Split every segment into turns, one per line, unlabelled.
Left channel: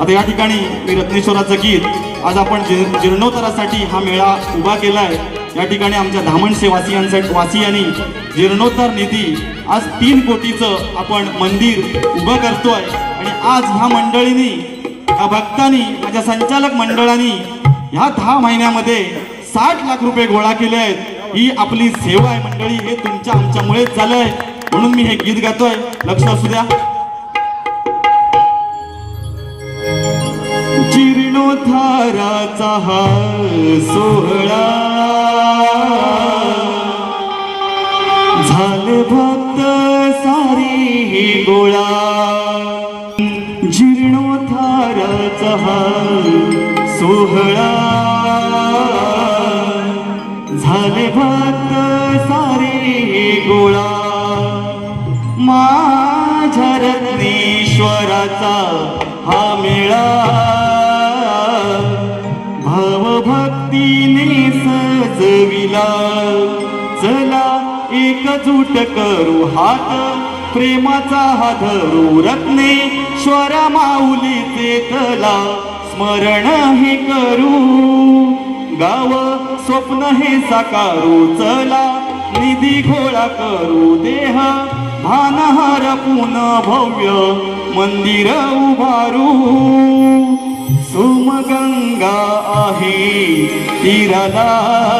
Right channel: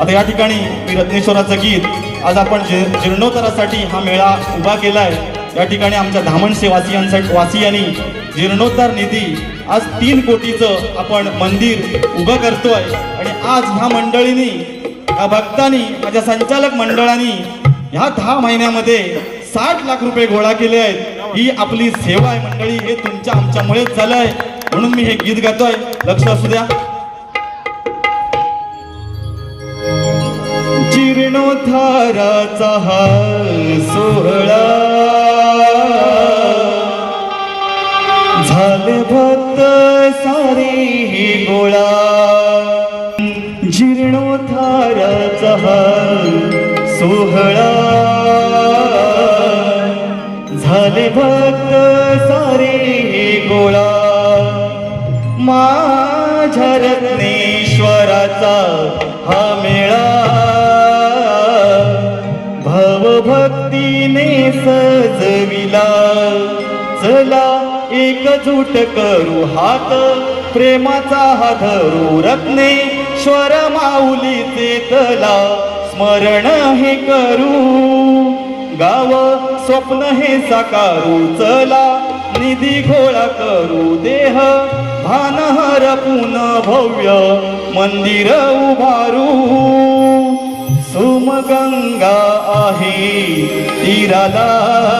आता या ठिकाणी मी रत्नेश्वराचं गीत आज आपण जी- जीर्णोत्तरासाठी हा मेळा उभा केला आहे या ठिकाणी आमच्या धामणसे वासियांसाठी वासियांनी जीर्णोद्धार निधी आज तीन कोटीचं आपण मंदिर उभं करतोय. आणि आज ह्या मंडळींनी या भक्तांनी माझ्या संचालक मंडळांनी ह्या दहा महिन्यामध्ये साठ लाख रुपये गोळा केले आहेत. ही आपली सेवा आहे मंडळी हे तुमच्या आमच्यामुळेच झालंय. म्हणून मी हे गीत गातोय. लक्ष असू द्या. जीर्णोद्धाराचा हा सोहळा. झाले भक्त सारी ही गोळा. जीर्णोद्धाराचा हा सोहळा. सजविला चला एकजूट करू हात प्रेमाचा हा धरू रत्नेश्वर माऊलीचे तला स्मरण हे करू. गाव स्वप्न हे साकारू चला निधी घोळा करू देह भान पुन भव्य मंदिर उभारू. सोमगंगा आहे तीराला.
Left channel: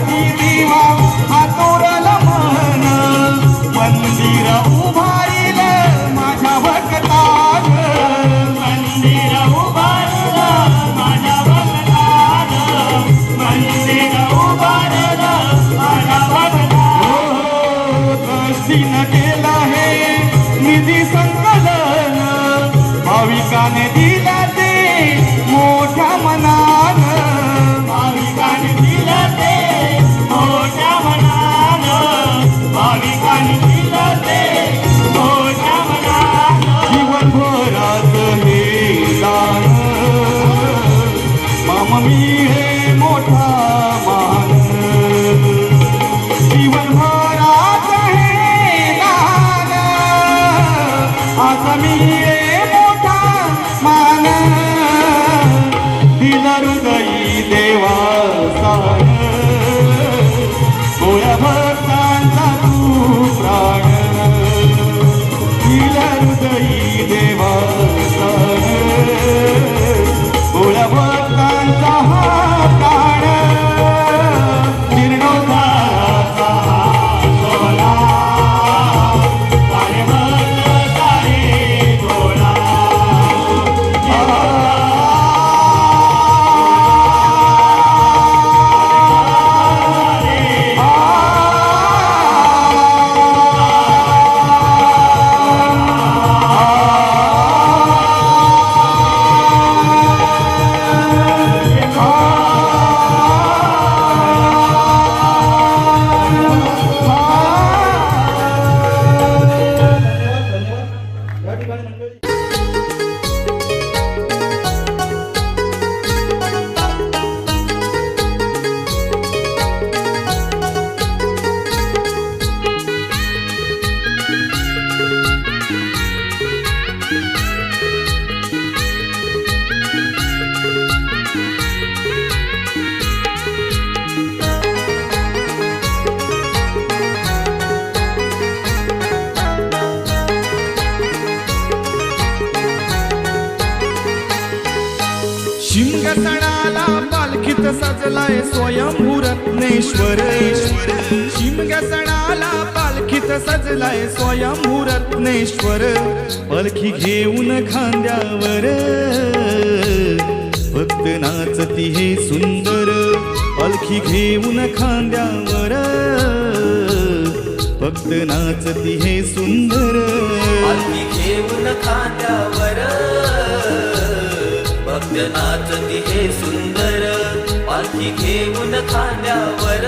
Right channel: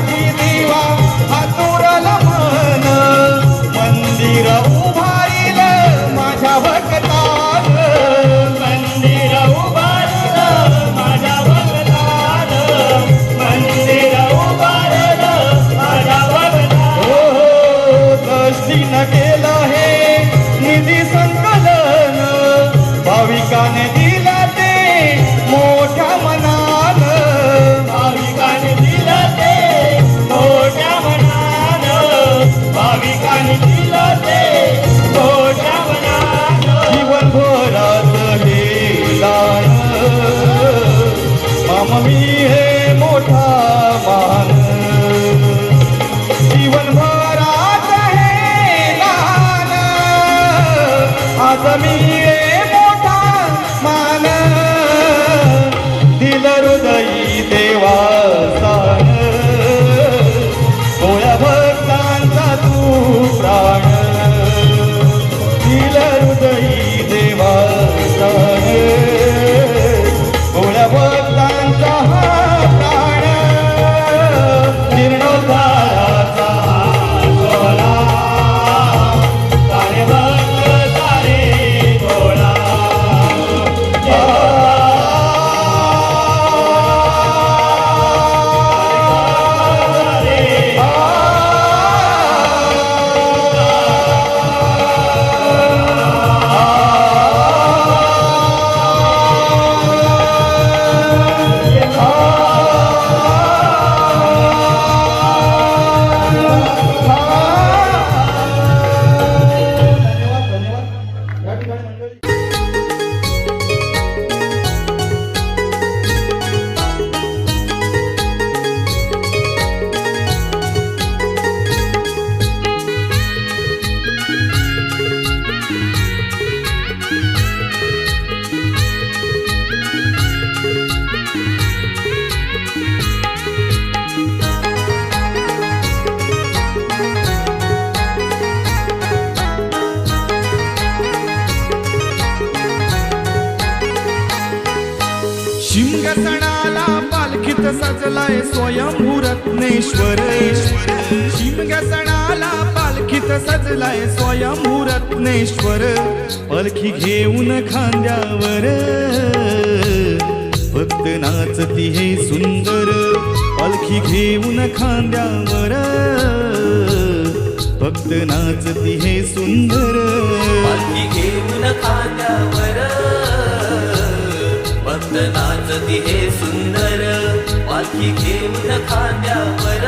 família. सणाला पालखीत सजलाय स्वयंभू रत्नेश्वर शिमग्या सणाला पालखीत सजलाय स्वयंभू रत्नेश्वर पालखी घेऊन खांद्यावर. भक्त नाचती हे सुंदर. पालखी घेऊन खांद्यावर. भक्त नाचती हे सुंदर.
घेऊन खांद्यावर. भक्त नाच सुंदर घेऊन खांद्यावर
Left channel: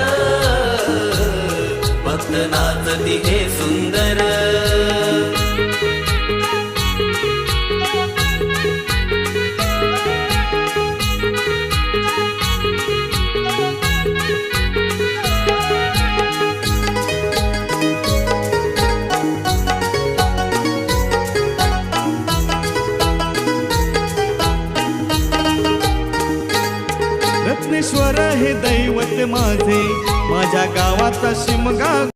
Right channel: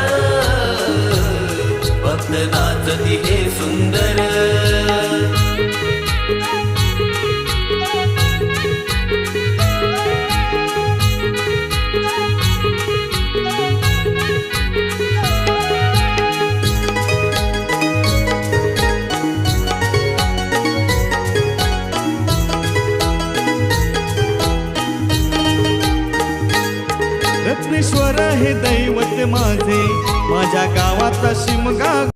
भक्त नाचती हे
रत्नेश्वर हे दैवत माझे. माझ्या गावाचा शिमगा